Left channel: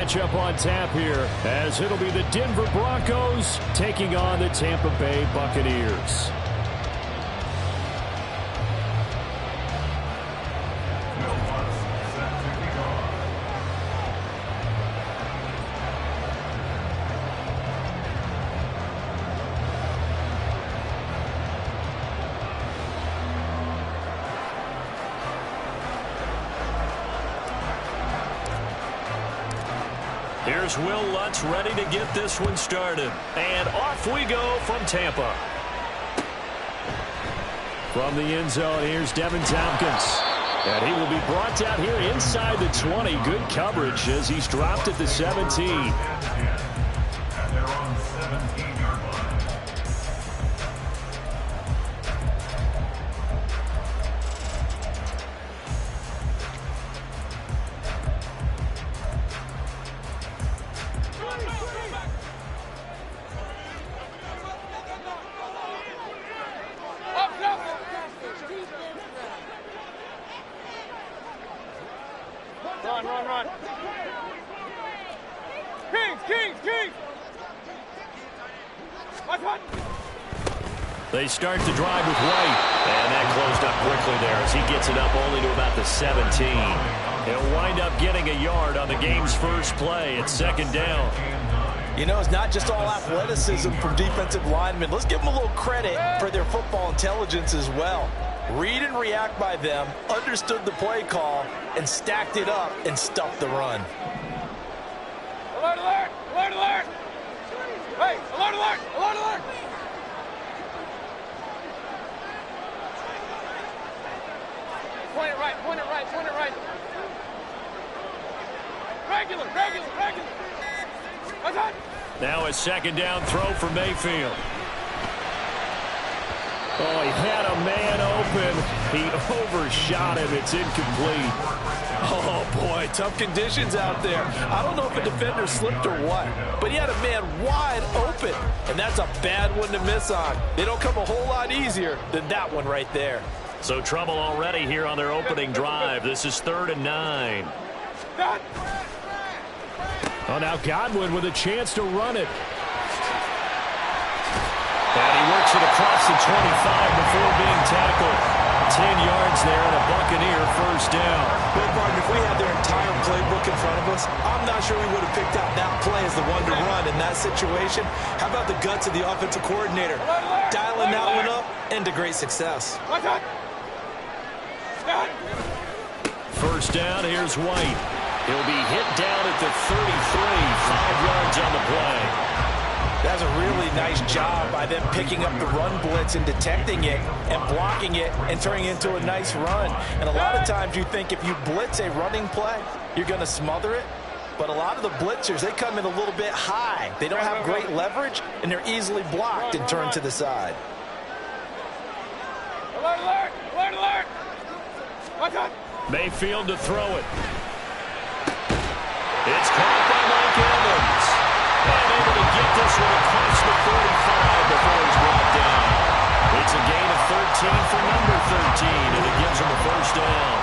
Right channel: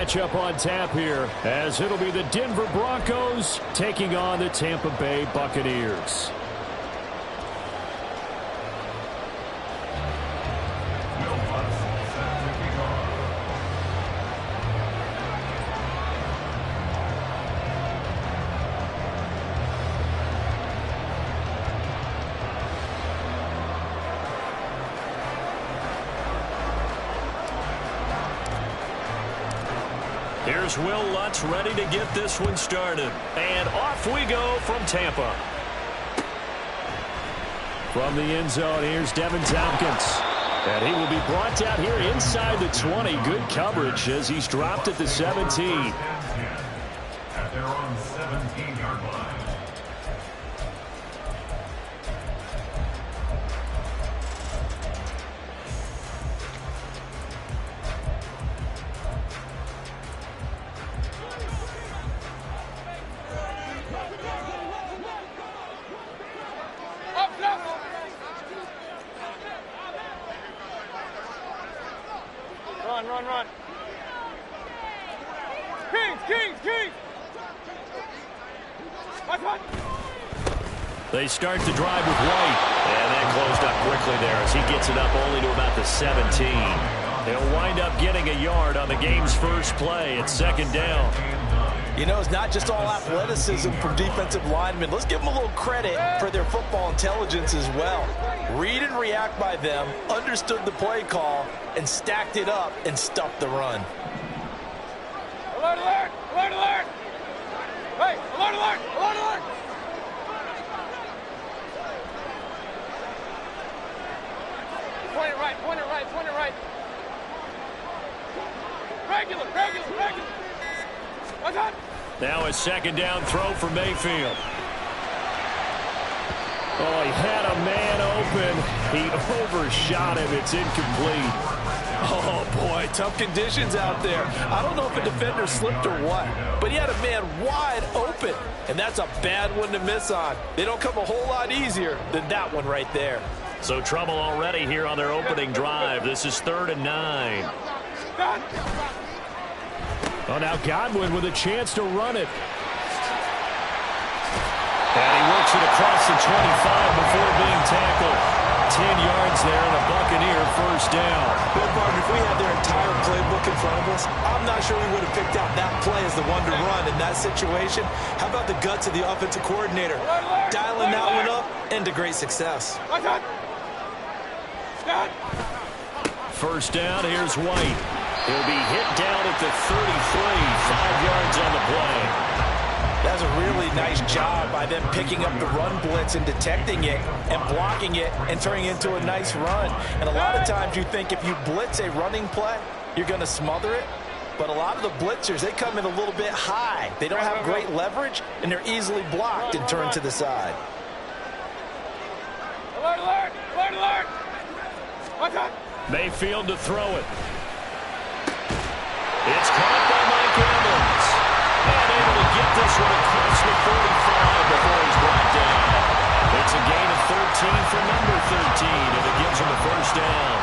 Matchup on tap here, as it'll be the Denver Broncos taking on the Tampa Bay Buccaneers. Here's Will Lutz ready to get this one started. And off we go from Tampa. From the end zone, here's Devin Tompkins. And he will be brought down here inside the 20. Good coverage as he's dropped at the 17. And they're on 17-yard line. Run. Kings! They start the drive with White. And that closed up quickly there as he gets it up only to about the 17. He'll wind up getting a yard on the game's first play. It's second down. You know, it's not just all athleticism from defensive linemen. Let's give them a little credit for their football intelligence as well. Read and react by them, understood the play call, and stacked it up and stuffed the run. Alert! Hey, alert! Point it right. Regular. Now a second down throw for Mayfield. Oh, he had a man open. He overshot him. It's incomplete. Oh, boy, tough conditions out there. I don't know if a defender slipped or what, but he had a man wide open, and that's a bad one to miss on. They don't come a whole lot easier than that one right there. So trouble already here on their opening drive. This is 3rd and 9. Oh, now Godwin with a chance to run it. And he works it across the 25 before being tackled. 10 yards there and a Buccaneer first down. Well, partner, if we had their entire playbook in front of us, I'm not sure we would have picked out that play as the one to run in that situation. How about the guts of the offensive coordinator? Dialing that one up into great success. First down, here's White. He'll be hit down at the 33, 5 yards on the play. That's a really nice job by them picking up the run blitz and detecting it and blocking it and turning it into a nice run. And a lot of times you think if you blitz a running play, you're going to smother it. But a lot of the blitzers, they come in a little bit high. They don't have great leverage, and they're easily blocked and turned to the side. Alert! Mayfield to throw it. It's caught by Mike Evans. And able to get this one across the 45 before he's brought down. It's a gain of 13 for number 13, and it gives him a first down.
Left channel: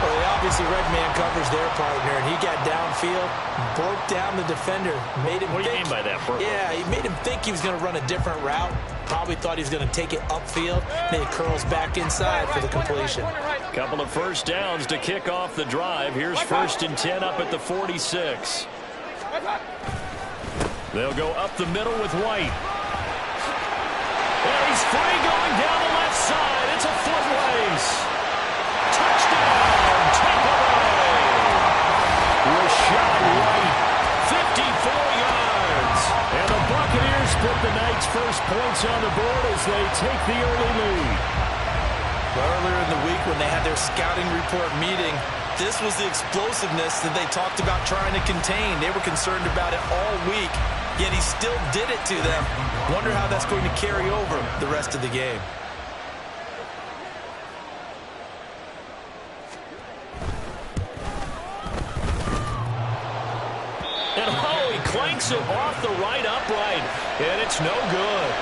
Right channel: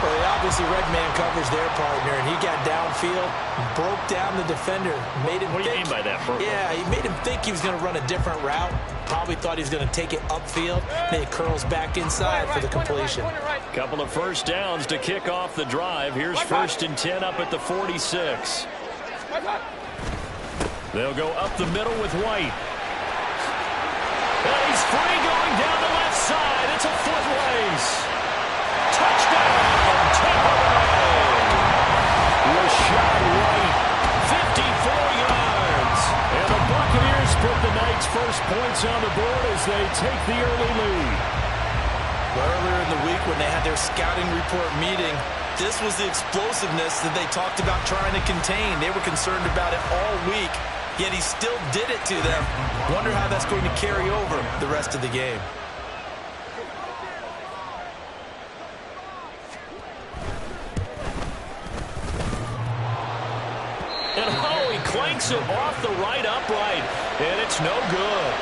Well, they obviously red man covers their partner, and he got downfield, broke down the defender, made him What do you mean by that, Bert? Yeah, he made him think he was going to run a different route. Probably thought he was going to take it upfield. Then he curls back inside for the completion. Couple of first downs to kick off the drive. Here's 1st and 10 up at the 46. They'll go up the middle with White. And he's free going down the left side. It's a foot race. Touchdown, Tampa Bay. Rashad White, 54 yards. And the Buccaneers put the night's first points on the board as they take the early lead. Earlier in the week when they had their scouting report meeting, this was the explosiveness that they talked about trying to contain. They were concerned about it all week, yet he still did it to them. Wonder how that's going to carry over the rest of the game. And oh, he clanks it off the right upright, and it's no good.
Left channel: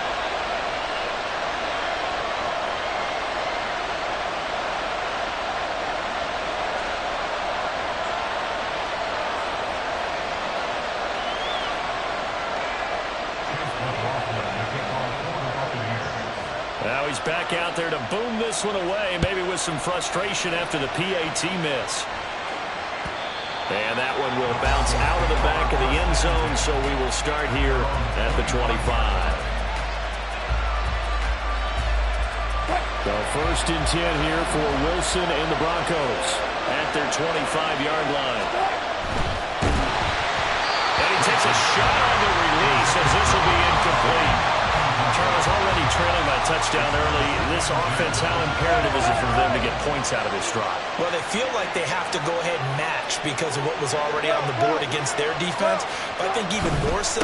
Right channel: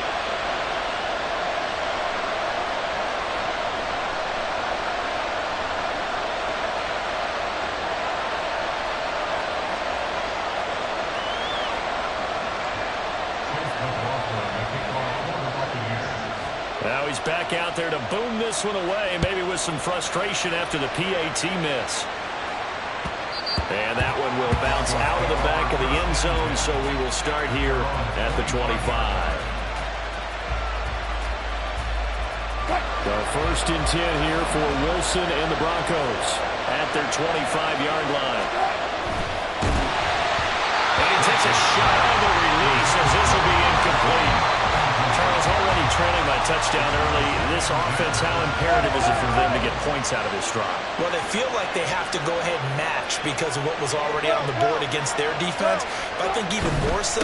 kickoff for the Buccaneers. Now he's back out there to boom this one away, maybe with some frustration after the PAT miss. And that one will bounce out of the back of the end zone, so we will start here at the 25. So 1st and 10 here for Wilson and the Broncos at their 25-yard line. And he takes a shot on the release as this will be incomplete. Charles, already trailing by touchdown early. This offense, how imperative is it for them to get points out of this drive? Well, they feel like they have to go ahead and match because of what was already on the board against their defense. But I think even more so,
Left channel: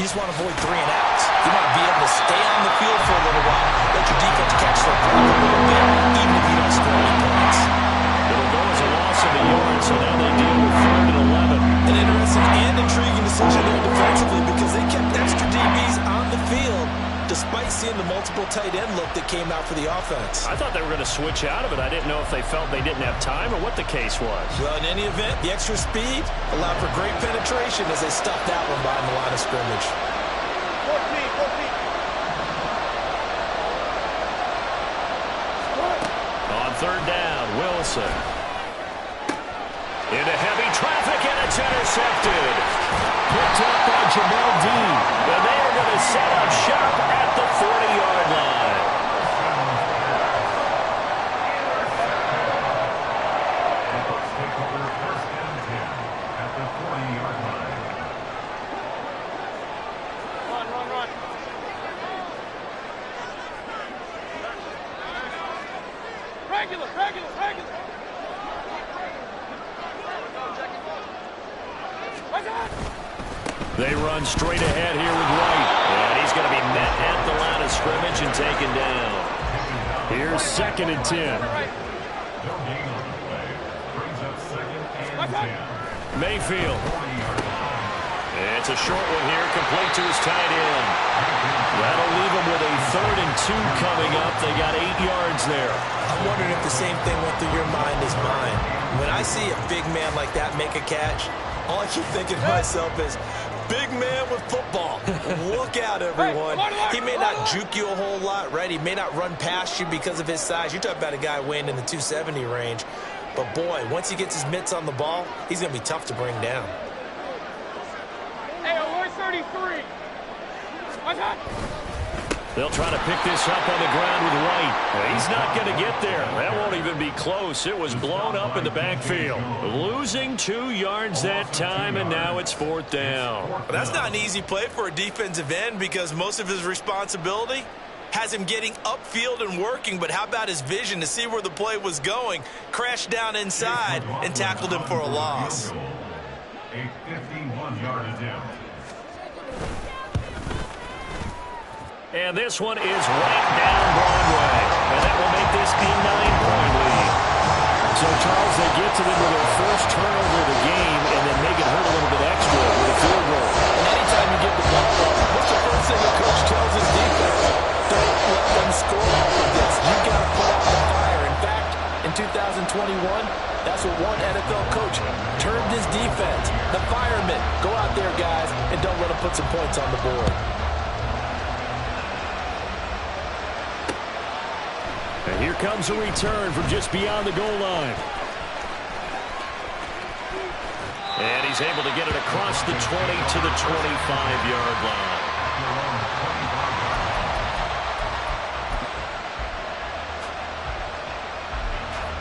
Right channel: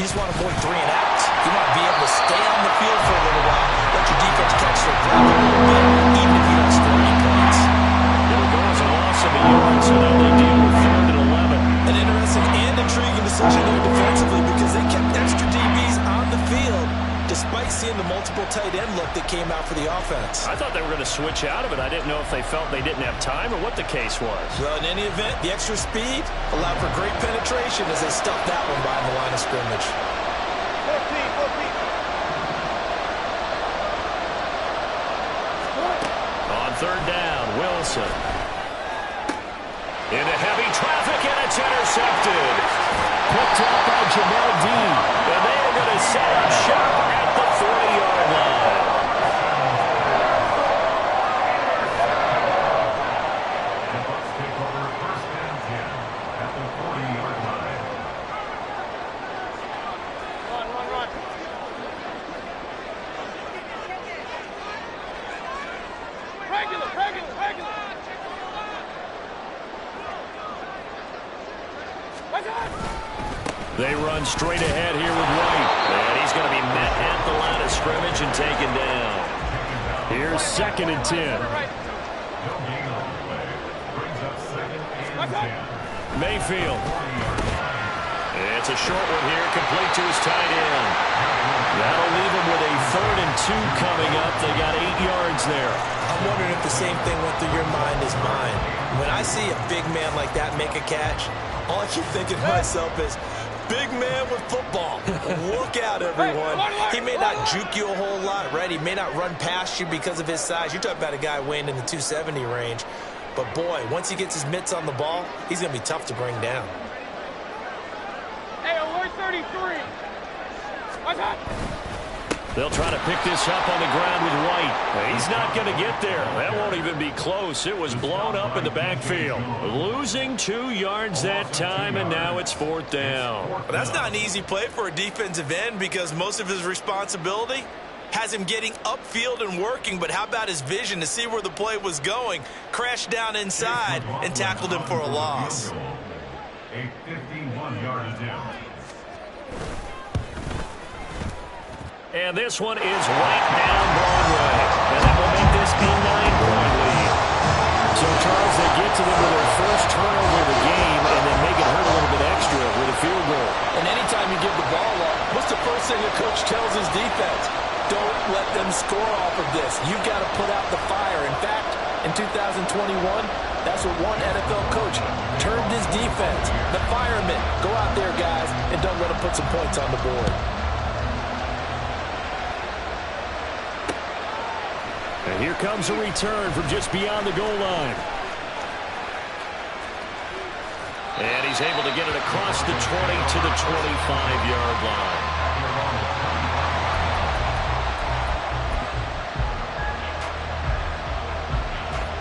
you just want to avoid 3 and outs. You want to be able to stay on the field for a little while, let your defense catch their breath a little bit, even if you don't score any points. It'll go as a loss of a yard, so now they deal with 3rd and 11. An interesting and intriguing decision there defensively because they kept extra DBs on the field despite seeing the multiple tight end look that came out for the offense. I thought they were going to switch out of it. I didn't know if they felt they didn't have time or what the case was. Well, in any event, the extra speed allowed for great penetration as they stuffed that one behind the line of scrimmage. 4 feet. On 3rd down, Wilson. Into heavy traffic, and it's intercepted. Picked up by Jamel Dean. And they are going to set up shop at the 40-yard line. The Bucs take over 1st and 10 at the 40-yard line. Run. Regular. They run straight ahead here with White. And he's going to be met at the line of scrimmage and taken down. Here's 2nd and 10. No gain on the play. Brings up 2nd and 10. Mayfield. It's a short one here, complete to his tight end. That'll leave him with a 3rd and 2 coming up. They got 8 yards there. I'm wondering if the same thing went through your mind as mine. When I see a big man like that make a catch, all I keep thinking to myself is, big man with football. Look out, everyone. He may not juke you a whole lot, right? He may not run past you because of his size. You're talking about a guy weighing in the 270 range. But, boy, once he gets his mitts on the ball, he's going to be tough to bring down. Hey, alert 33. They'll try to pick this up on the ground with White. He's not going to get there. That won't even be close. It was blown up in the backfield. Losing 2 yards that time, and now it's 4th down. Well, that's not an easy play for a defensive end because most of his responsibility has him getting upfield and working, but how about his vision to see where the play was going, crashed down inside, and tackled him for a loss. A 51-yard attempt. And this one is right down Broadway. And that will make this a 9-point lead. So, Charles, they get to them with their first turnover of the game and then make it hurt a little bit extra with a field goal. And anytime you give the ball up, what's the first thing a coach tells his defense? Don't let them score off of this. You've got to put out the fire. In fact, in 2021, that's what one NFL coach termed his defense. The firemen. Go out there, guys, and don't let them put some points on the board. And here comes a return from just beyond the goal line. And he's able to get it across the 20 to the 25-yard line.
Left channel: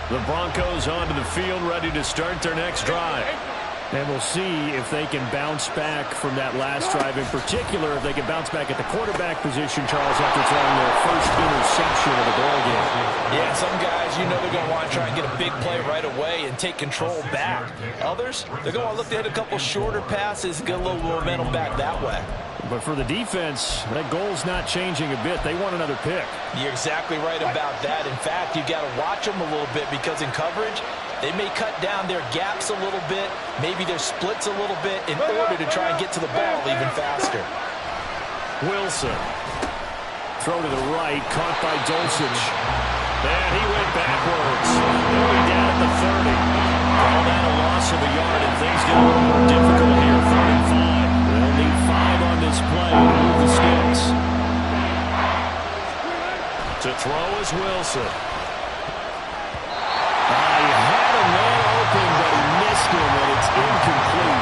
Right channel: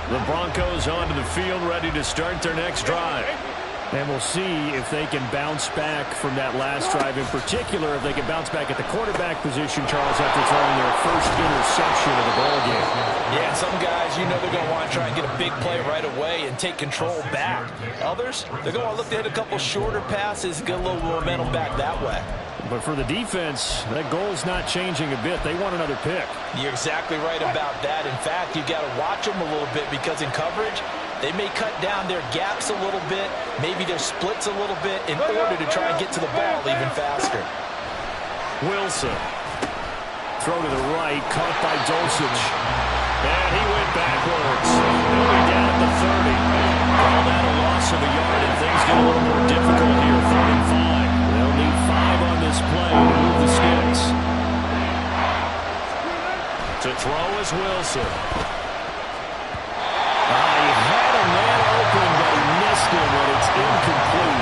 The Broncos onto the field, ready to start their next drive. And we'll see if they can bounce back from that last drive. In particular, if they can bounce back at the quarterback position, Charles, after throwing their first interception of the ball game. Yeah, some guys, you know they're going to want to try and get a big play right away and take control back. Others, they're going to look to hit a couple shorter passes and get a little momentum back that way. But for the defense, that goal's not changing a bit. They want another pick. You're exactly right about that. In fact, you've got to watch them a little bit because in coverage, they may cut down their gaps a little bit, maybe their splits a little bit in order to try and get to the ball even faster. Wilson. Throw to the right, caught by Dulcich. And he went backwards. He'll be down at the 30. Call that a loss of a yard, and things get a little more difficult here. 3rd and 5. They'll need 5 on this play to move the sticks. throw is Wilson. He had a man open, but he missed him, and it's incomplete.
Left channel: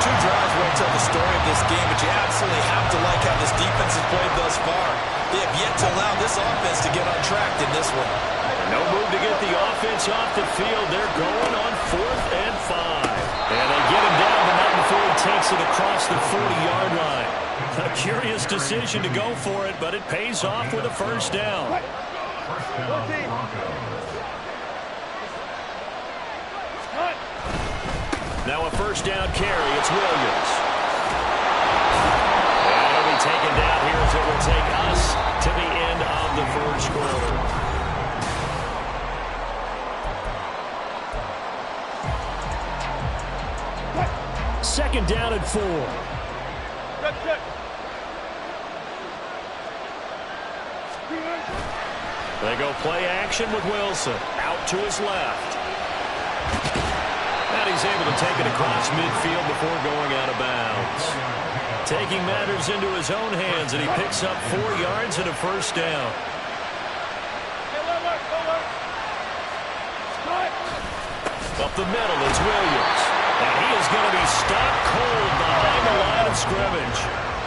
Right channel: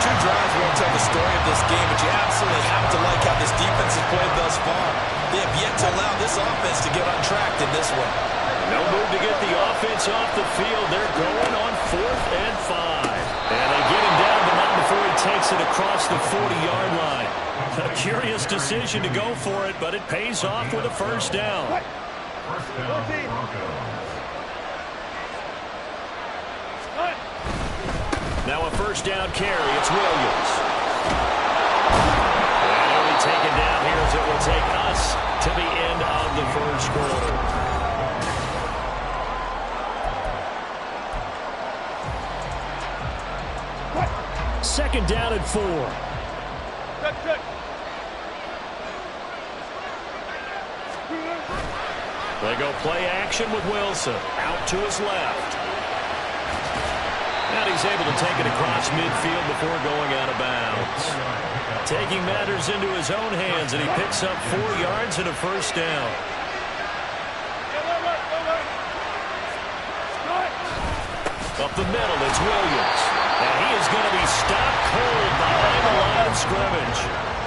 2 drives won't tell the story of this game, but you absolutely have to like how this defense has played thus far. They have yet to allow this offense to get on track in this one. No move to get the offense off the field. They're going on 4th and 5. And they get him down, but not before he takes it across the 40-yard line. A curious decision to go for it, but it pays off with a first down. First down, Broncos. Now a first down carry. It's Williams. And he'll be taken down here as it will take us to the end of the first quarter. Second down and 4. Check. They go play action with Wilson. Out to his left. And he's able to take it across midfield before going out of bounds. Taking matters into his own hands, and he picks up 4 yards and a first down. Up the middle, it's Williams. And he is going to be stopped cold behind the line of scrimmage.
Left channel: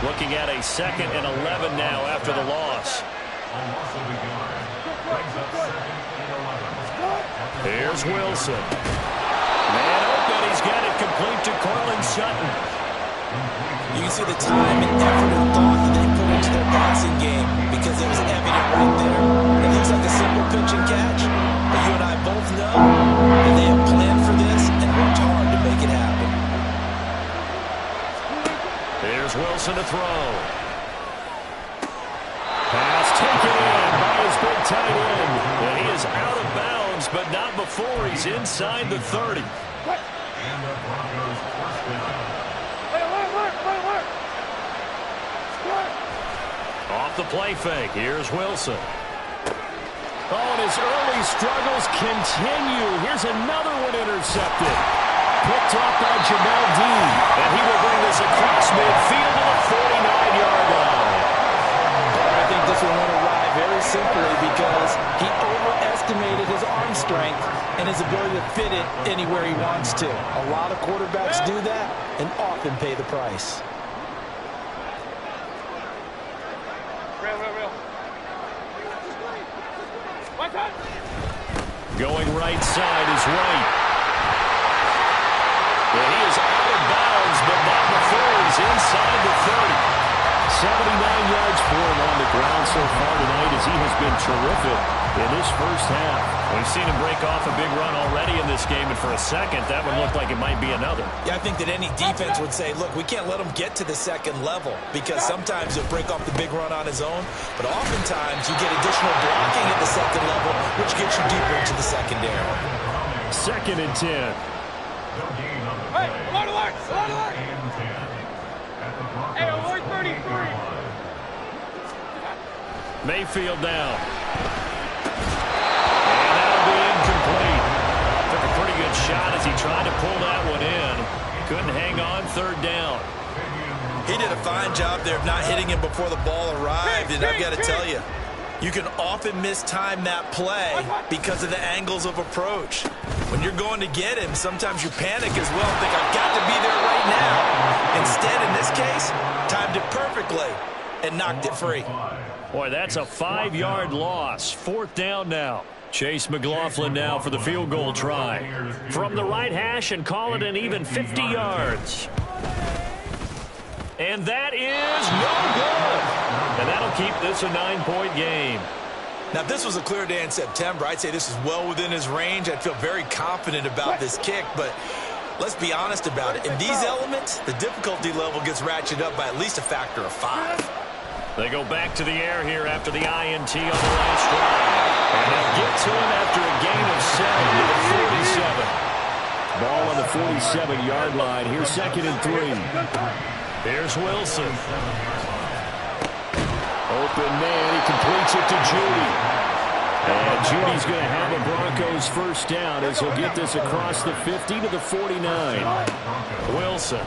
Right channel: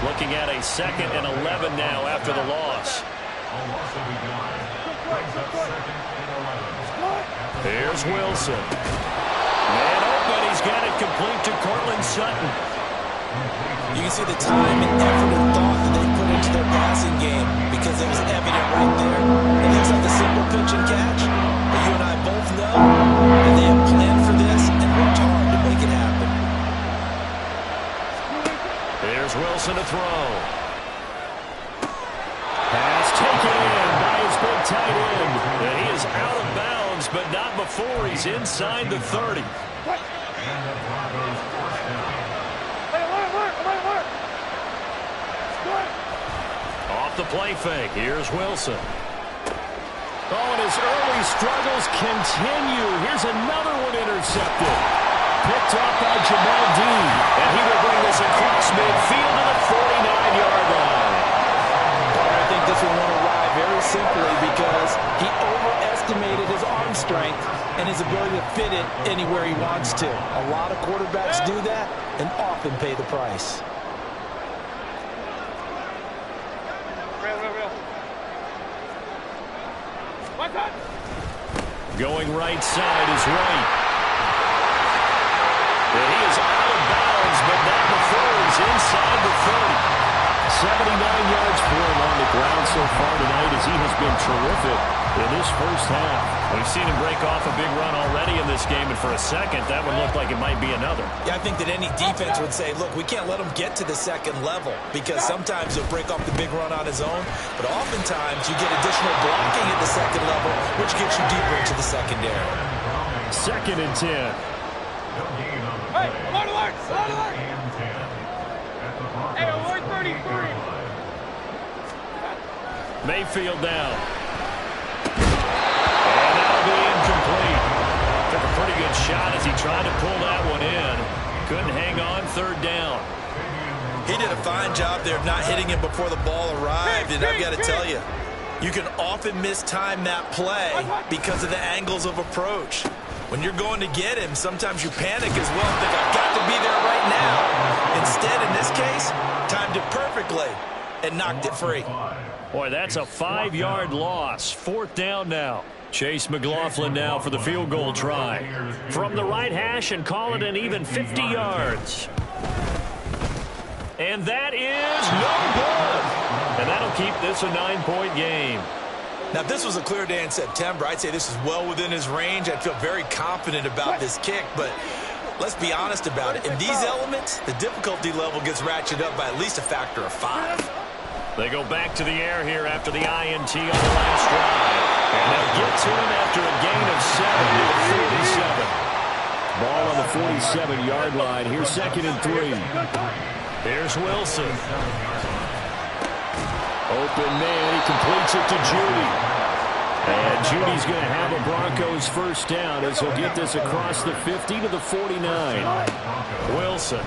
Looking at a 2nd and 11 now after the loss. A loss of a yard. Brings up 2nd and 11. Here's Wilson. Man open, he's got it complete to Cortland Sutton. You can see the time and effort and thought that they put into their passing game because it was evident right there. It looks like a simple pitch and catch, but you and I both know that they have planned for this and worked hard to make it happen. Here's Wilson to throw. Pass taken in by his big tight end. And he is out of bounds, but not before he's inside the 30. And the Broncos first down. Off the play fake. Here's Wilson. Oh, and his early struggles continue. Here's another one intercepted. Picked off by Jamel Dean. And he will bring this across midfield to the 49-yard line. I think this one won't arrive very simply because he overestimated his arm strength and his ability to fit it anywhere he wants to. A lot of quarterbacks do that and often pay the price. Real. One time. Going right side is White. And he is out of bounds, but not before he's inside the 30. 79 yards for him on the ground so far tonight as he has been terrific in this first half. We've seen him break off a big run already in this game, and for a second, that would look like it might be another. Yeah, I think that any defense would say, look, we can't let him get to the second level because sometimes he'll break off the big run on his own, but oftentimes you get additional blocking at the second level, which gets you deeper into the secondary. 2nd and 10. No gain on the play. Alert! 2nd and 10. At the Broncos Hey, alert 33. 40-yard line. Mayfield down. And that'll be incomplete. Took a pretty good shot as he tried to pull that one in. Couldn't hang on 3rd down. He did a fine job there of not hitting him before the ball arrived, and I've got to tell you, you can often mistime that play because of the angles of approach. When you're going to get him, sometimes you panic as well and think, I've got to be there right now. Instead, in this case, timed it perfectly and knocked it free. Boy, that's a 5-yard loss. 4th down now. Chase McLaughlin now for the field goal try. From the right hash and call it an even 50 yards. And that is no good. And that'll keep this a 9-point game. Now, if this was a clear day in September, I'd say this is well within his range. I'd feel very confident about this kick, but let's be honest about it. In these elements, the difficulty level gets ratcheted up by at least a factor of 5. They go back to the air here after the INT on the last drive. And they'll get to him after a gain of 7 to the 47. Ball on the 47-yard line. Here's 2nd and 3. Here's Wilson. Open man, he completes it to Judy. And Judy's going to have a Broncos first down as he'll get this across the 50 to the 49. Wilson.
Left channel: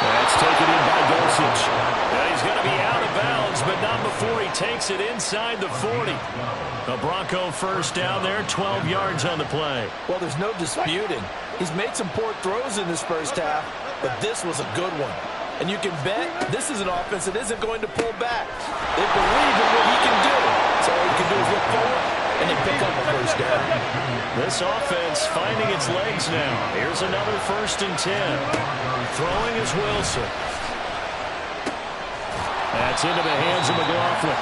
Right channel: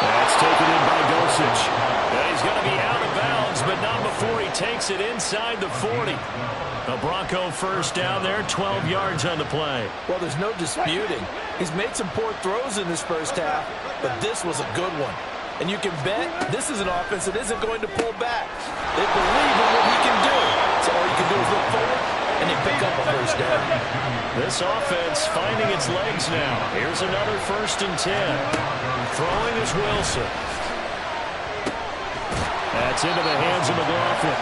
That's taken in by Dosich. Yeah, he's going to be out of bounds, but not before he takes it inside the 40. A Bronco first down there, 12 yards on the play. Well, there's no disputing. He's made some poor throws in this first half, but this was a good one. And you can bet this is an offense that isn't going to pull back. They believe in what he can do. So all you can do is look forward, and they pick up a first down. This offense finding its legs now. Here's another 1st and 10. Throwing is Wilson. That's into the hands of McLaughlin.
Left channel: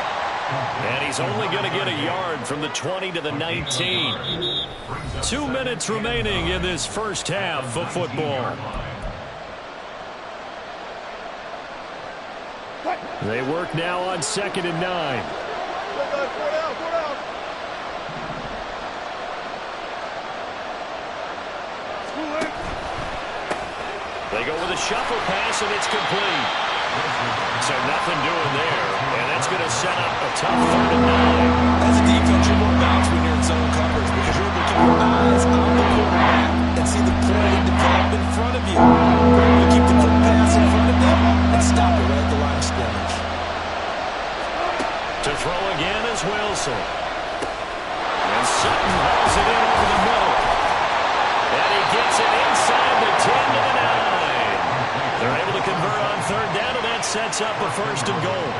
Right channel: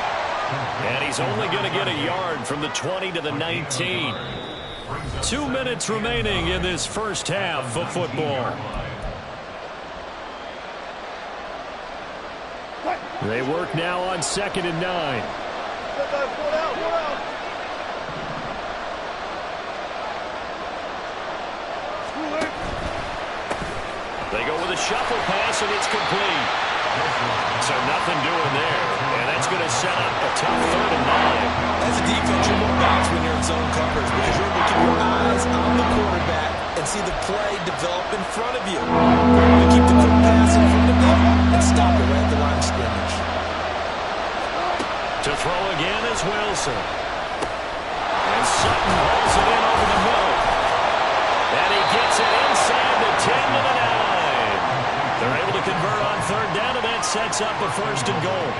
And he's only going to get a yard from the 20 to the 19. 2 minutes remaining in this first half of football. They work now on 2nd and 9. They go with a shuffle pass, and it's complete. So nothing doing there, and that's going to set up a tough 3rd and 9. As a defense, you're going to bounce when you're in zone coverage because you're able to keep your eyes on the quarterback and see the play develop in front of you. You're able to keep the quick pass in front of them and stop it right at the line of scrimmage. To throw again is Wilson. And Sutton hauls it in over the middle. And he gets it inside the 10 to the 9. They're able to convert on 3rd down, and that sets up a 1st and goal.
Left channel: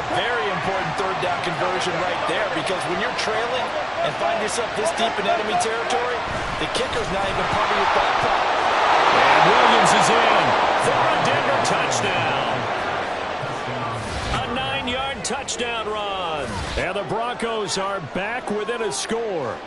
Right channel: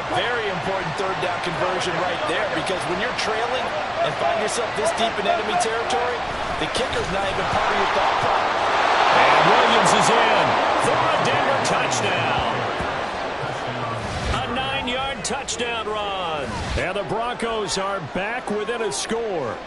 A very important 3rd down conversion right there, because when you're trailing and find yourself this deep in enemy territory, the kicker's not even part of your thought process. And Williams is in for a Denver touchdown. A 9-yard touchdown run. And the Broncos are back within a score.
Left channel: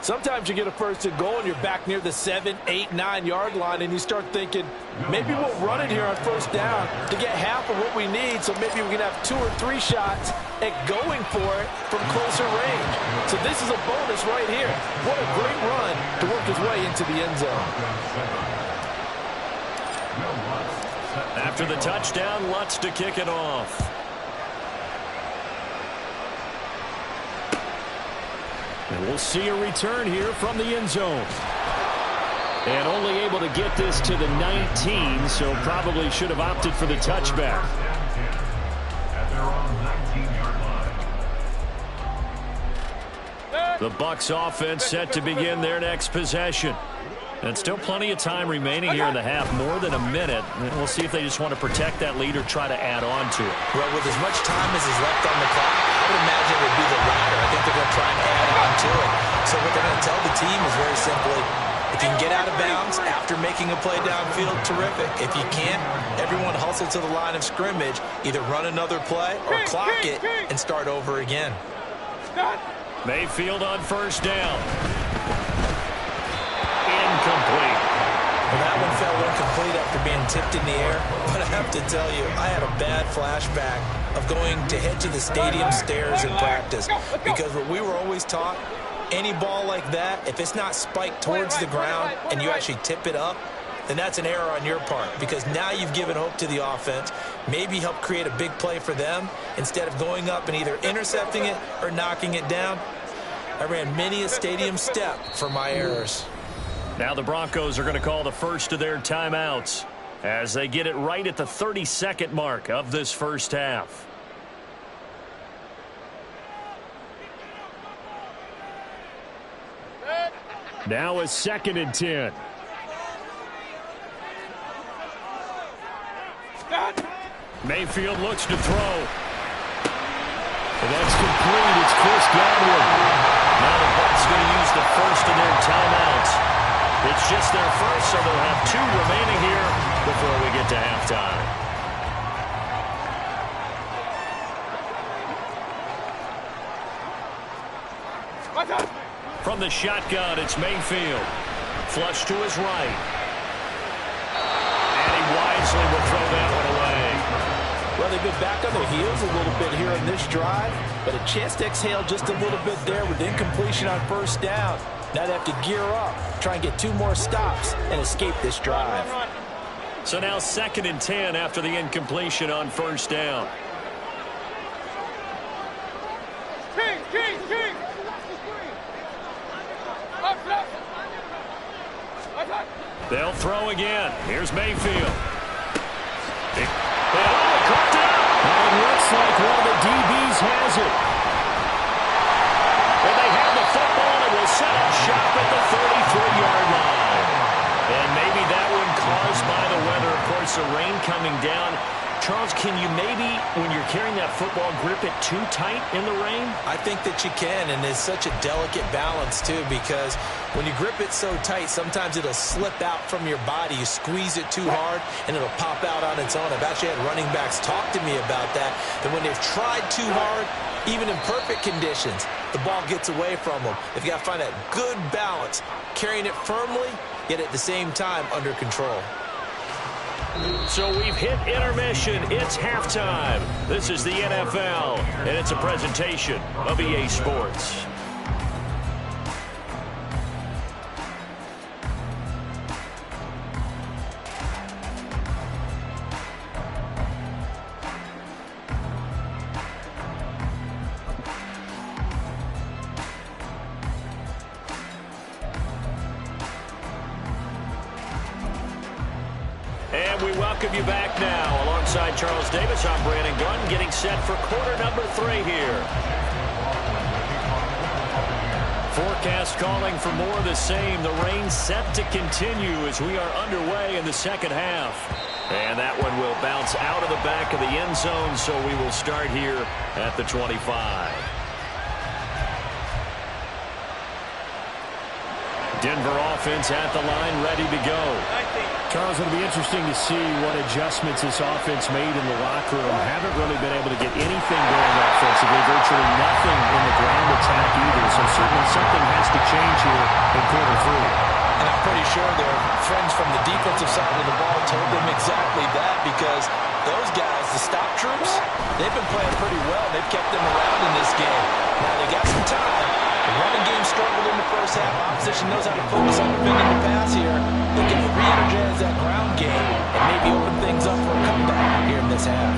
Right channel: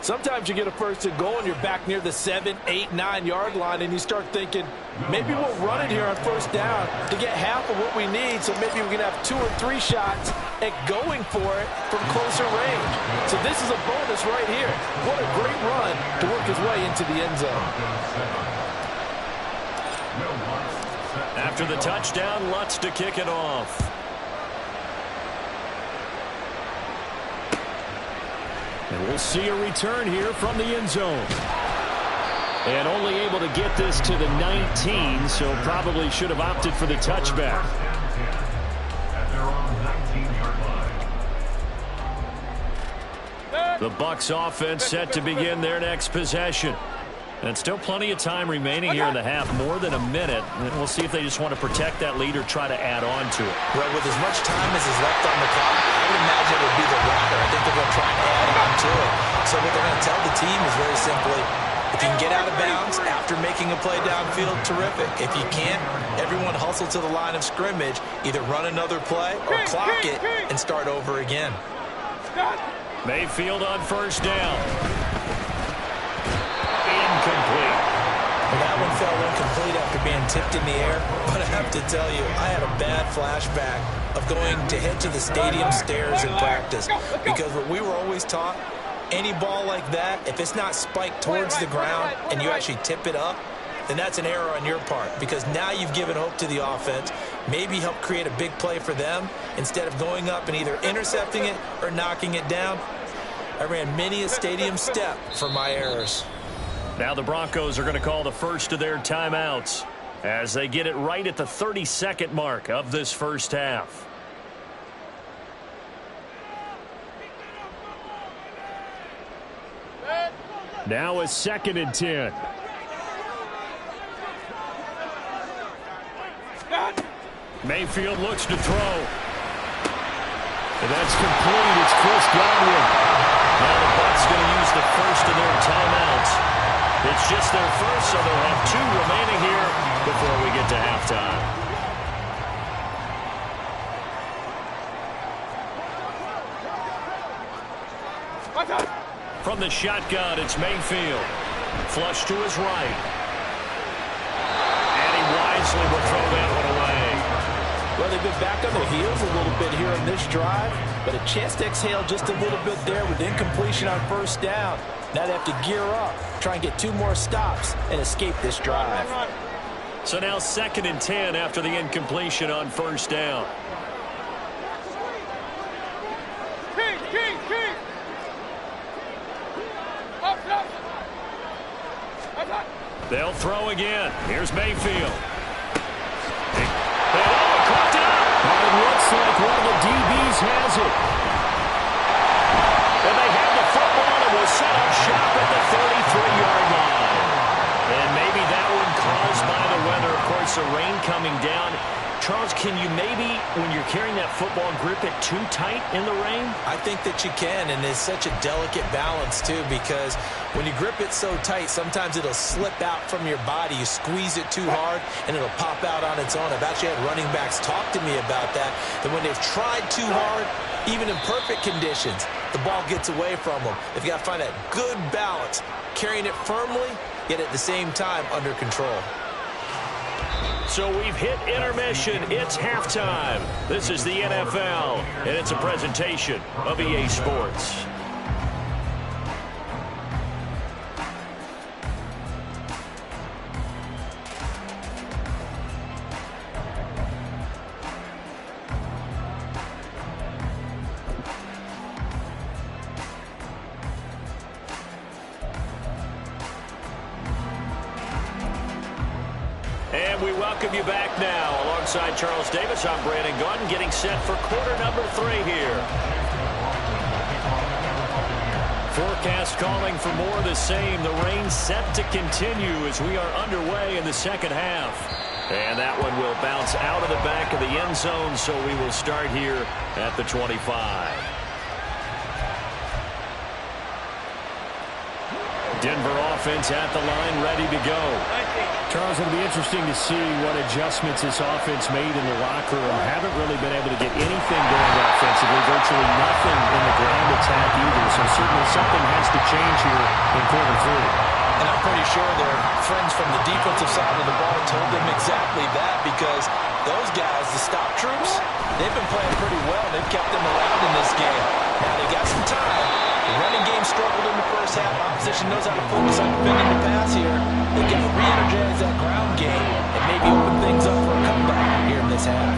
Sometimes you get a 1st and goal and you're back near the 7, 8, 9-yard line, and you start thinking, maybe we'll run it here on 1st down to get half of what we need, so maybe we can have 2 or 3 shots at going for it from closer range. So this is a bonus right here. What a great run to work his way into the end zone. After the touchdown, Lutz to kick it off. And we'll see a return here from the end zone. And only able to get this to the 19, so probably should have opted for the touchback. At their own 19-yard line. The Bucs offense set to begin their next possession. And still plenty of time remaining here in the half, more than a minute. And we'll see if they just want to protect that lead or try to add on to it. Well, with as much time as is left on the clock, I would imagine it would be the latter. I think they're going to try and add on to it. So what they're going to tell the team is very simply, if you can get out of bounds after making a play downfield, terrific. If you can't, everyone hustle to the line of scrimmage, either run another play or clock it and start over again. Mayfield on 1st down. Incomplete. Well, that one fell incomplete after being tipped in the air. But I have to tell you, I had a bad flashback of going to head to the stadium stairs in practice. Because what we were always taught, any ball like that, if it's not spiked towards the ground and you actually tip it up, then that's an error on your part. Because now you've given hope to the offense, maybe help create a big play for them, instead of going up and either intercepting it or knocking it down. I ran many a stadium step for my errors. Now the Broncos are going to call the first of their timeouts as they get it right at the 32nd mark of this first half. Now a 2nd and 10. Mayfield looks to throw. And that's complete. It's Chris Godwin. Now the Bucs going to use the first of their timeouts. It's just their first, so they'll have 2 remaining here before we get to halftime. From the shotgun, it's Mayfield. Flush to his right. And he wisely will throw that one away. Well, they've been back on their heels a little bit here on this drive, but a chance to exhale just a little bit there with incompletion on 1st down. Now they have to gear up, try and get 2 more stops, and escape this drive. So now 2nd and 10 after the incompletion on 1st down. They'll throw again. Here's Mayfield. And coughed it up. It looks like one of the DBs has it. And they have the football, and it will set up shop at the 33-yard line. And maybe that one caused by the weather. Of course, the rain coming down. Charles, can you maybe, when you're carrying that football, grip it too tight in the rain? I think that you can, and it's such a delicate balance, too, because when you grip it so tight, sometimes it'll slip out from your body. You squeeze it too hard, and it'll pop out on its own. I've actually had running backs talk to me about that when they've tried too hard, even in perfect conditions, the ball gets away from them. They've got to find that good balance, carrying it firmly, yet at the same time under control. So we've hit intermission. It's halftime. This is the NFL, and it's a presentation of EA Sports. And we welcome you back now. Alongside Charles Davis, I'm Brandon Gunn, getting set for quarter number 3 here. Forecast calling for more of the same. The rain set to continue as we are underway in the second half. And that one will bounce out of the back of the end zone, so we will start here at the 25. Denver offense at the line, ready to go. Charles, it'll be interesting to see what adjustments this offense made in the locker room. Haven't really been able to get anything going offensively, virtually nothing in the ground attack either. So certainly something has to change here in quarter 3. And I'm pretty sure their friends from the defensive side of the ball told them exactly that, because those guys, the stop troops, they've been playing pretty well. They've kept them around in this game. Now they got some time. The running game struggled in the first half. Opposition knows how to focus on defending the pass here. They can re-energize that ground game and maybe open things up for a comeback here in this half.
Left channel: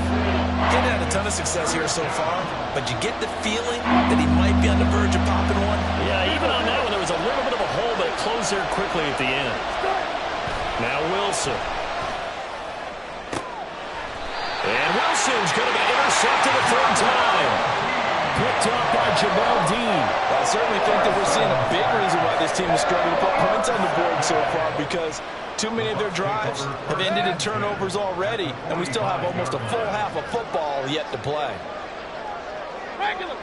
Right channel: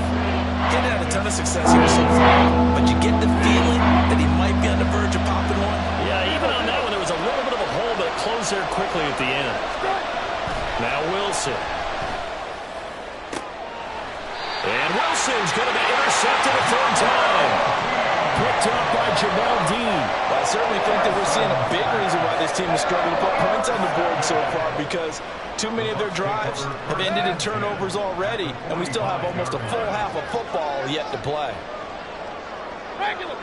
Didn't have a ton of success here so far, but you get the feeling that he might be on the verge of popping one. Yeah, even on that one, there was a little bit of a hole, but it closed there quickly at the end. Now Wilson. And Wilson's going to be intercepted a third time. Picked up by Jamel Dean. Well, I certainly think that we're seeing a big reason why this team is struggling to put points on the board so far, because too many of their drives have ended in turnovers already, and we still have almost a full half of football yet to play. Regular.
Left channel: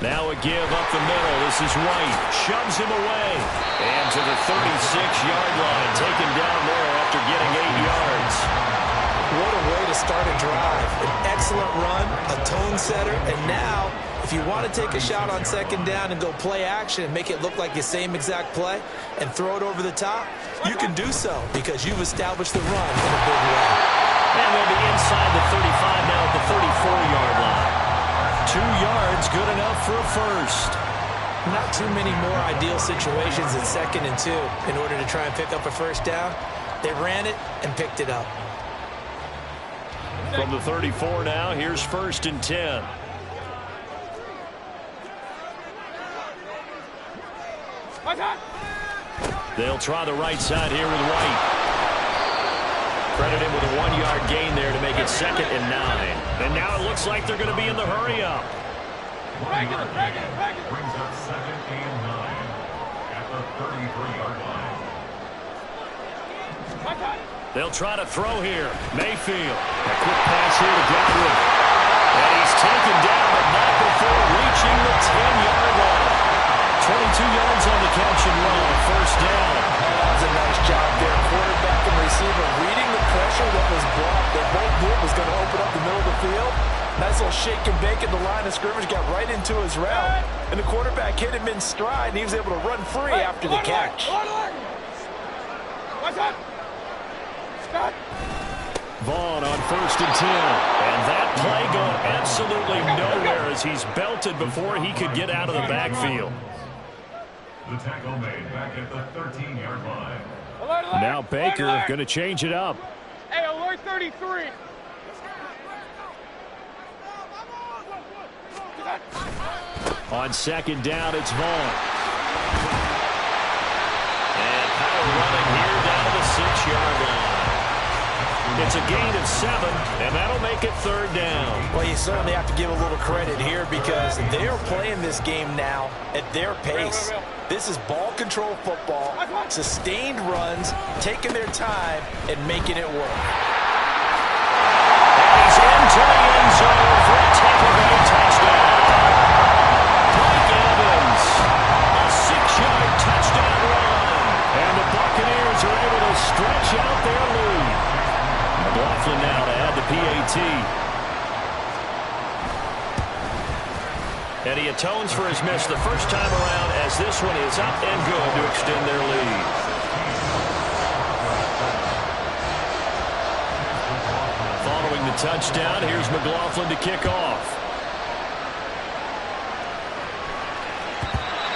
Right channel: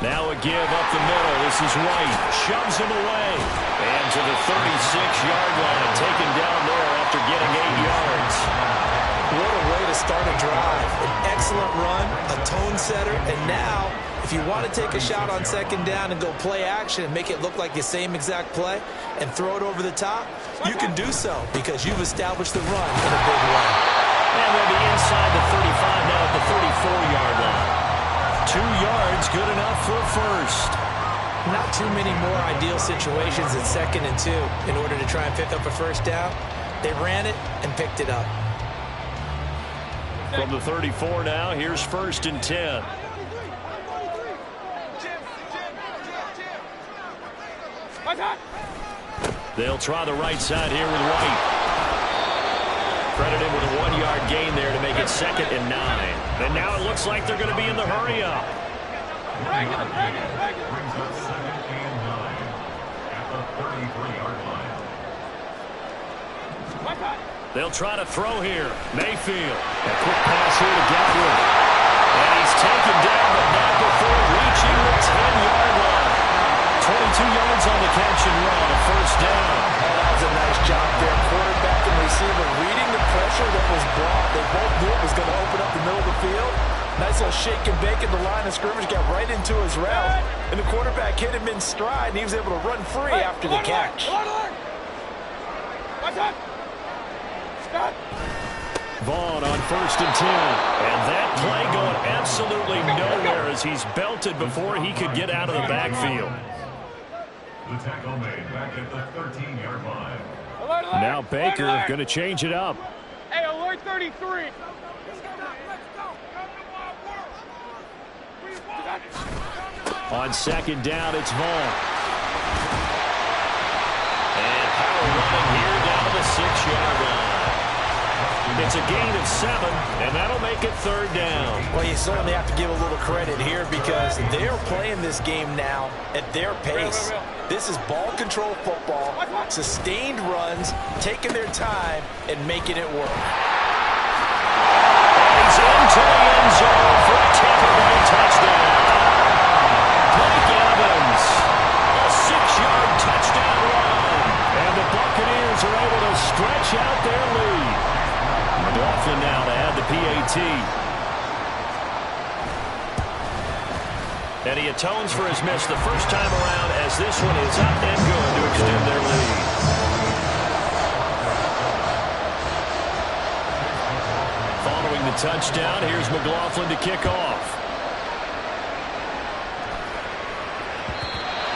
Now a give up the middle. This is White. Shoves him away. And to the 36-yard line. Taken down there after getting 8 yards. What a way to start a drive. An excellent run, a tone setter, and now, if you want to take a shot on second down and go play action and make it look like the same exact play and throw it over the top, you can do so because you've established the run in a big way. And they'll be inside the 35 now at the 34-yard line. 2 yards, good enough for a first. Not too many more ideal situations at 2nd and 2 in order to try and pick up a first down. They ran it and picked it up. From the 34 now, here's 1st and 10. They'll try the right side here with White. Credit him with a 1-yard gain there to make it 2nd and 9. And now it looks like they're going to be in the hurry-up. Regular. Brings up 2nd and 9 at the 33-yard line. They'll try to throw here. Mayfield. A quick pass here to Godwin. And he's taken down, but not before reaching the 10-yard line. 22 yards on the catch and run, a first down. And that was a nice job there. Quarterback and receiver reading the pressure that was brought. They both knew it was going to open up the middle of the field. Nice little shake and bake at the line of scrimmage, got right into his route. And the quarterback hit him in stride, and he was able to run free after the catch. Vaughn on 1st and 10. And that play going absolutely nowhere as he's belted before he could get out of the backfield. The tackle made back at the 13-yard line. Alert. Now Baker going to change it up. Hey, alert 33. On 2nd down, it's Vaughn. And power running here down to the 6 6-yard line. It's a gain of 7, and that'll make it 3rd down. Well, you certainly have to give a little credit here because they're playing this game now at their pace. This is ball control football, sustained runs, taking their time, and making it work. And he's into the end zone for a Tampa Bay touchdown. Mike Evans, a 6-yard touchdown run. And the Buccaneers are able to stretch out their lead. McLaughlin now to add the PAT. And he atones for his miss the first time around as this one is up and good to extend their lead. Following the touchdown, here's McLaughlin to kick off.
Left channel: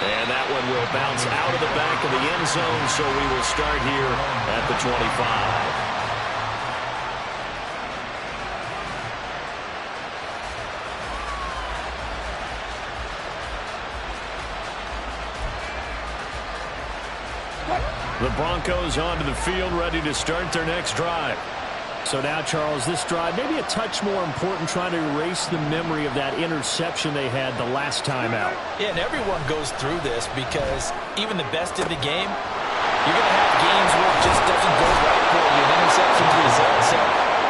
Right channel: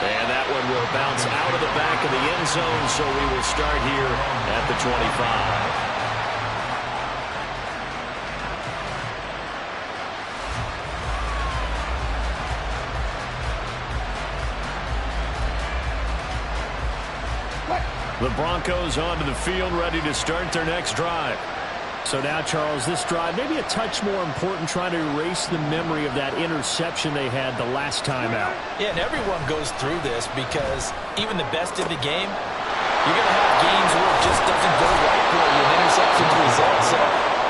And that one will bounce out of the back of the end zone, so we will start here at the 25. The Broncos onto the field, ready to start their next drive. So now, Charles, this drive maybe a touch more important, trying to erase the memory of that interception they had the last time out. Yeah, and everyone goes through this because even the best in the game, you're going to have games where it just doesn't go right for you, and interceptions result. So,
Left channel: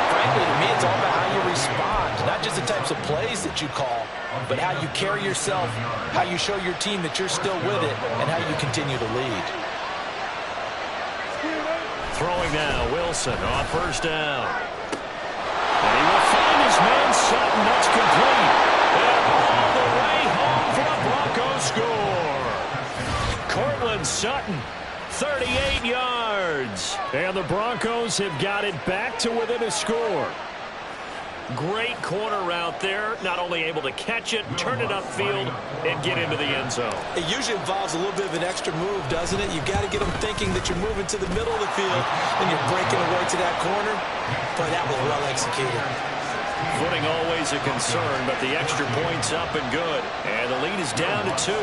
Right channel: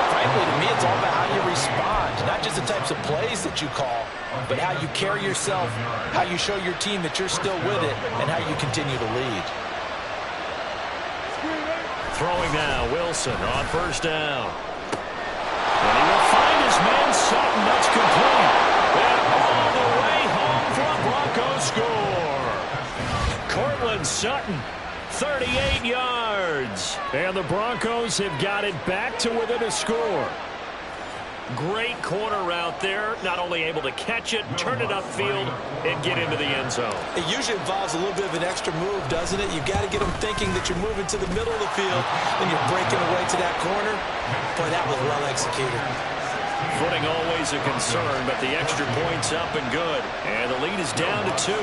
frankly, to me, it's all about how you respond, not just the types of plays that you call, but how you carry yourself, how you show your team that you're still with it, and how you continue to lead. Throwing now, Wilson on 1st down. And he will find his man Sutton. That's complete. And all the way home for a Broncos score. Cortland Sutton, 38 yards. And the Broncos have got it back to within a score. Great corner route there. Not only able to catch it, turn it upfield, and get into the end zone. It usually involves a little bit of an extra move, doesn't it? You've got to get them thinking that you're moving to the middle of the field, and you're breaking away to that corner. Boy, that was well executed. Footing always a concern, but the extra point's up and good. And the lead is down to 2.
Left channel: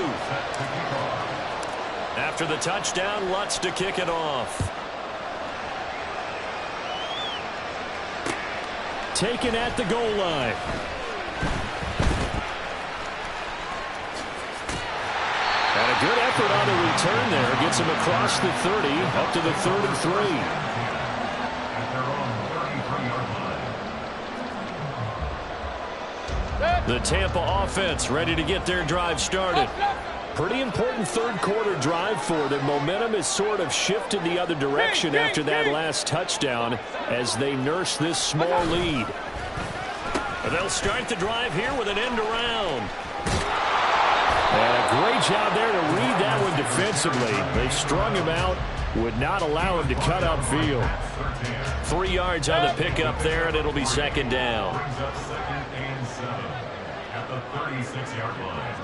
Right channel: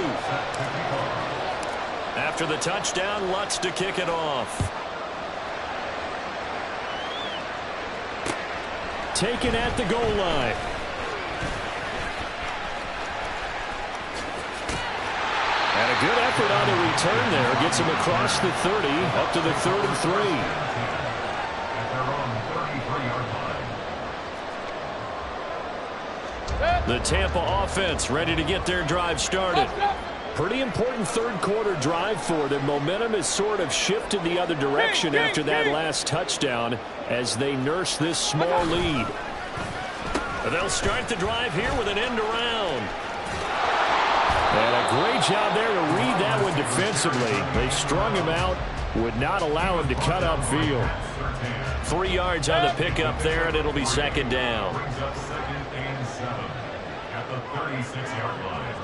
After the touchdown, Lutz to kick it off. Taken at the goal line. And a good effort on the return there. Gets him across the 30, up to the 33. At their own 33-yard line. The Tampa offense ready to get their drive started. Pretty important third quarter drive for them. Momentum has sort of shifted the other direction after that last touchdown as they nurse this small lead. They'll start the drive here with an end around. And a great job there to read that one defensively. They strung him out, would not allow him to cut upfield. 3 yards on the pickup there, and it'll be 2nd down. Brings up 2nd and 7 at the 36-yard line.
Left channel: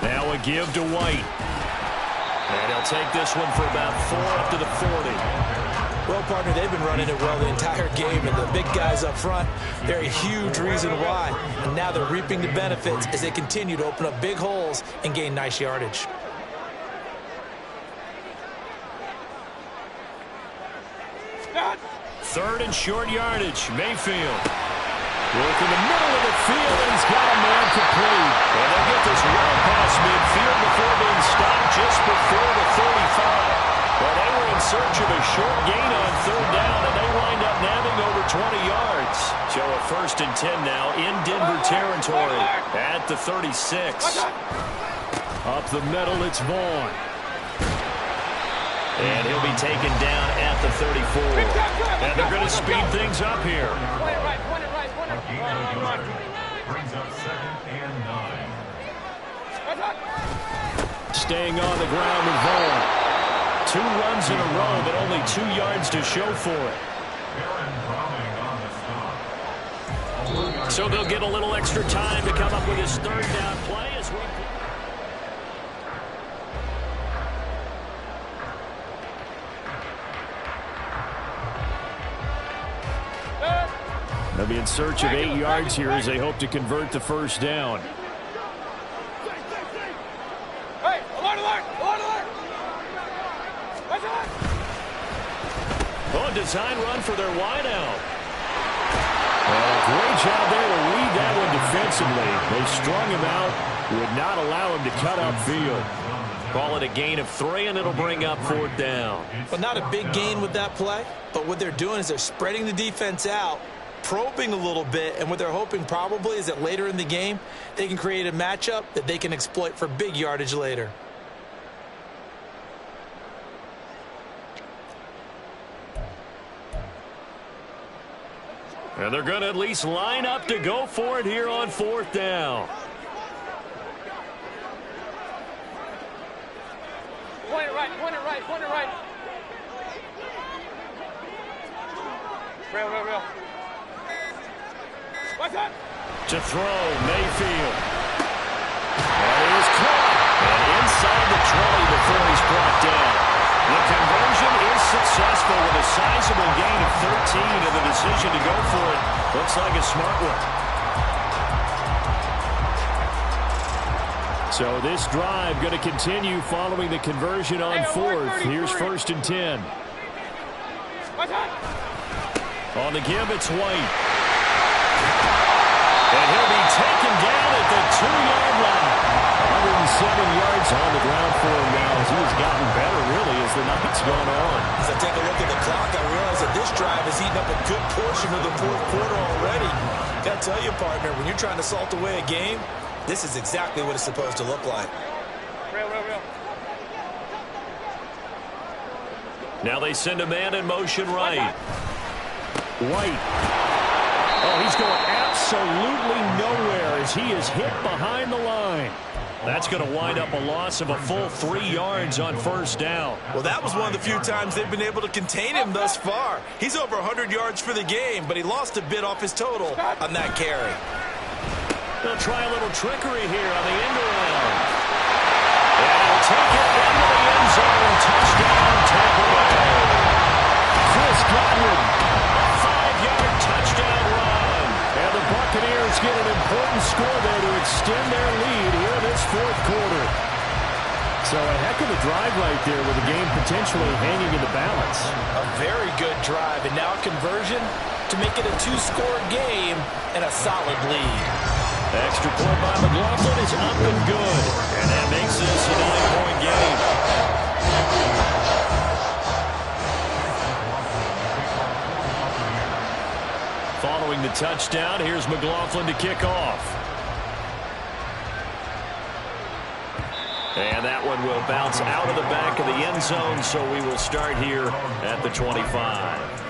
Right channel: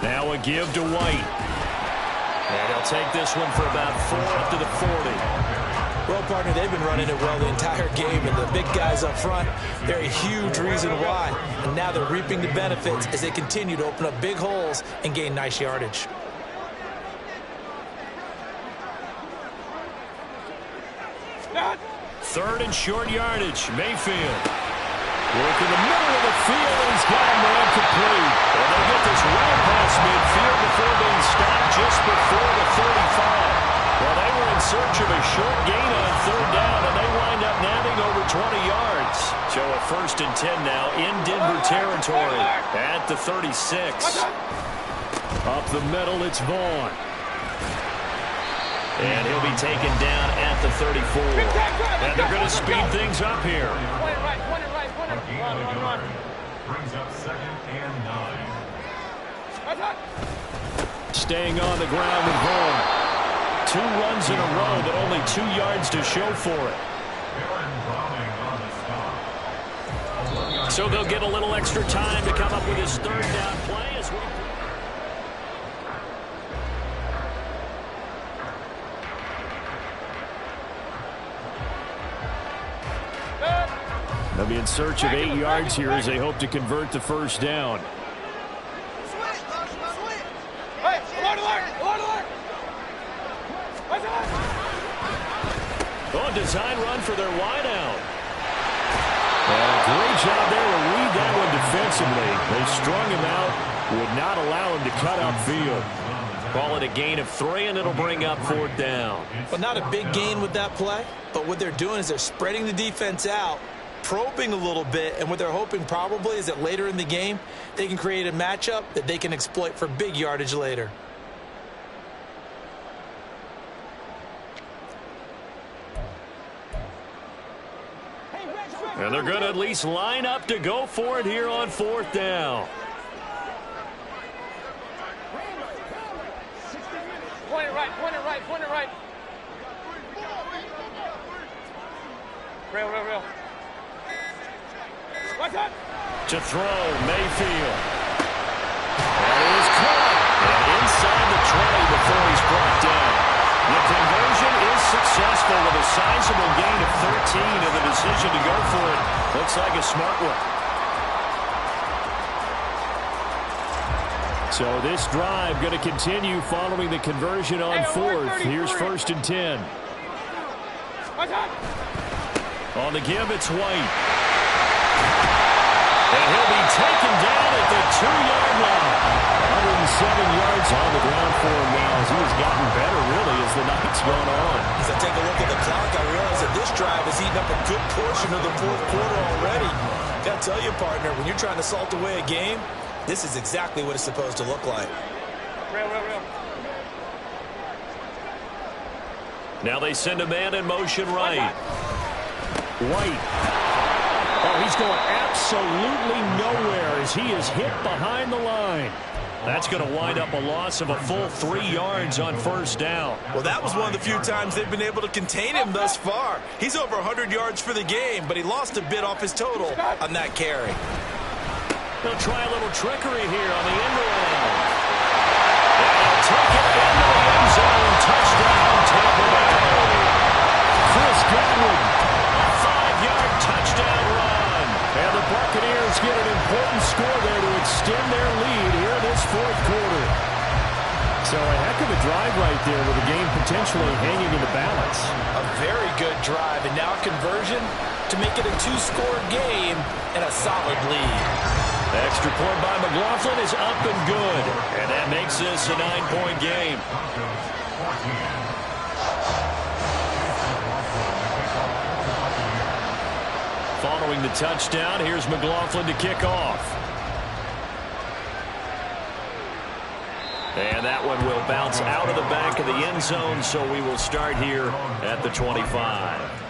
Now a give to White. And he'll take this one for about 4 up to the 40. Well, partner, they've been running it well the entire game, and the big guys up front, they're a huge reason why. And now they're reaping the benefits as they continue to open up big holes and gain nice yardage. Third and short yardage. Mayfield. Work in the middle of the field, and he's got a man complete. And they'll get this well past midfield before being stopped just before the 35. Well, they were in search of a short gain on 3rd down, and they wind up nabbing over 20 yards. So a 1st and 10 now in Denver territory at the 36. Up the middle, it's Vaughn. And he'll be taken down at the 34. And they're going to speed things up here. Brings up 2nd and 9. Staying on the ground with Vaughn. 2 runs in a row, but only 2 yards to show for it. Baron Browning on the stop. So they'll get a little extra time to come up with his 3rd down play as we... They'll be in search of 8 yards here as they hope to convert the 1st down. Oh, design run for their wideout. And a great job there to read that one defensively. They strung him out, would not allow him to cut upfield. Call it a gain of 3, and it'll bring up 4th down. Well, not a big gain with that play, but what they're doing is they're spreading the defense out, probing a little bit, and what they're hoping probably is that later in the game, they can create a matchup that they can exploit for big yardage later. And they're going to at least line up to go for it here on 4th down. Point it right, point it right, point it right. Real. What's that? To throw, Mayfield. That is caught. And inside the 20 before he's brought down. The conversion is successful with a sizable gain of 13, and the decision to go for it looks like a smart one. So this drive going to continue following the conversion on 4th. Here's 1st and 10. What's that? On the give, it's White. And he'll be taken down at the 2-yard line. 107 yards on the ground for him now as he has gotten better, really, as the night's gone on. As I take a look at the clock, I realize that this drive has eaten up a good portion of the 4th quarter already. Got to tell you, partner, when you're trying to salt away a game, this is exactly what it's supposed to look like. Real. Now they send a man in motion right. White. Oh, he's going absolutely nowhere as he is hit behind the line. That's going to wind up a loss of a full 3 yards on 1st down. Well, that was one of the few times they've been able to contain him thus far. He's over 100 yards for the game, but he lost a bit off his total on that carry. They'll try a little trickery here on the end around. And he'll take it into the end zone. Touchdown, Tampa Bay. Chris Godwin. A 5-yard touchdown run. And the Buccaneers get an important score there to extend their lead here in this 4th quarter. So a heck of a drive right there with the game potentially hanging in the balance. A very good drive, and now a conversion to make it a 2-score game and a solid lead. Extra point by McLaughlin is up and good. And that makes this a 9-point game. Following the touchdown, here's McLaughlin to kick off. And that one will bounce out of the back of the end zone, so we will start here at the 25.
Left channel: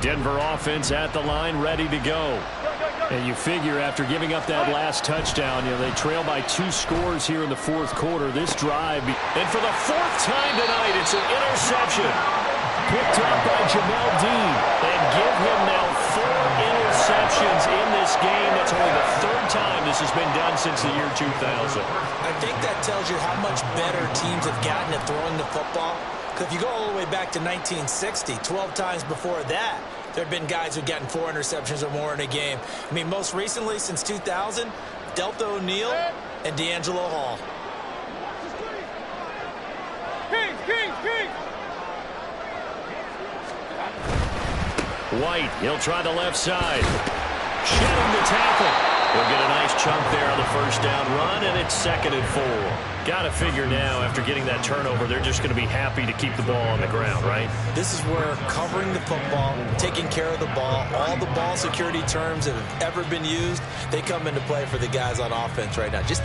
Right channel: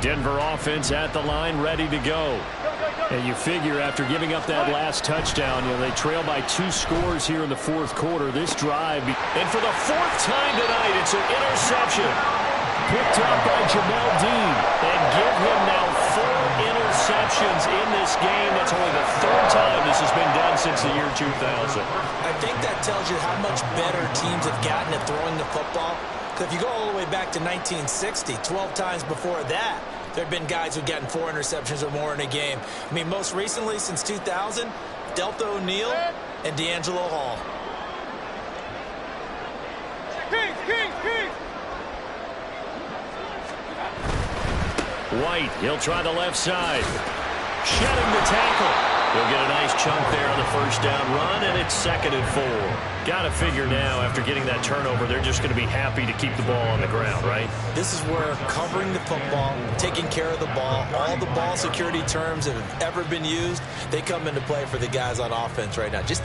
Denver offense at the line, ready to go. And you figure after giving up that last touchdown, they trail by 2 scores here in the 4th quarter. This drive. And for the 4th time tonight, it's an interception. Picked up by Jamel Dean. And give him now 4 interceptions in this game. That's only the 3rd time this has been done since the year 2000. I think that tells you how much better teams have gotten at throwing the football. If you go all the way back to 1960, 12 times before that, there have been guys who've gotten 4 interceptions or more in a game. I mean, most recently, since 2000, Delta O'Neal and D'Angelo Hall. Kings! White, he'll try the left side. Shedding the tackle. He'll get a nice chunk there on the 1st down run, and it's 2nd and 4. Got to figure now, after getting that turnover, they're just going to be happy to keep the ball on the ground, right? This is where covering the football, taking care of the ball, all the ball security terms that have ever been used, they come into play for the guys on offense right now. Just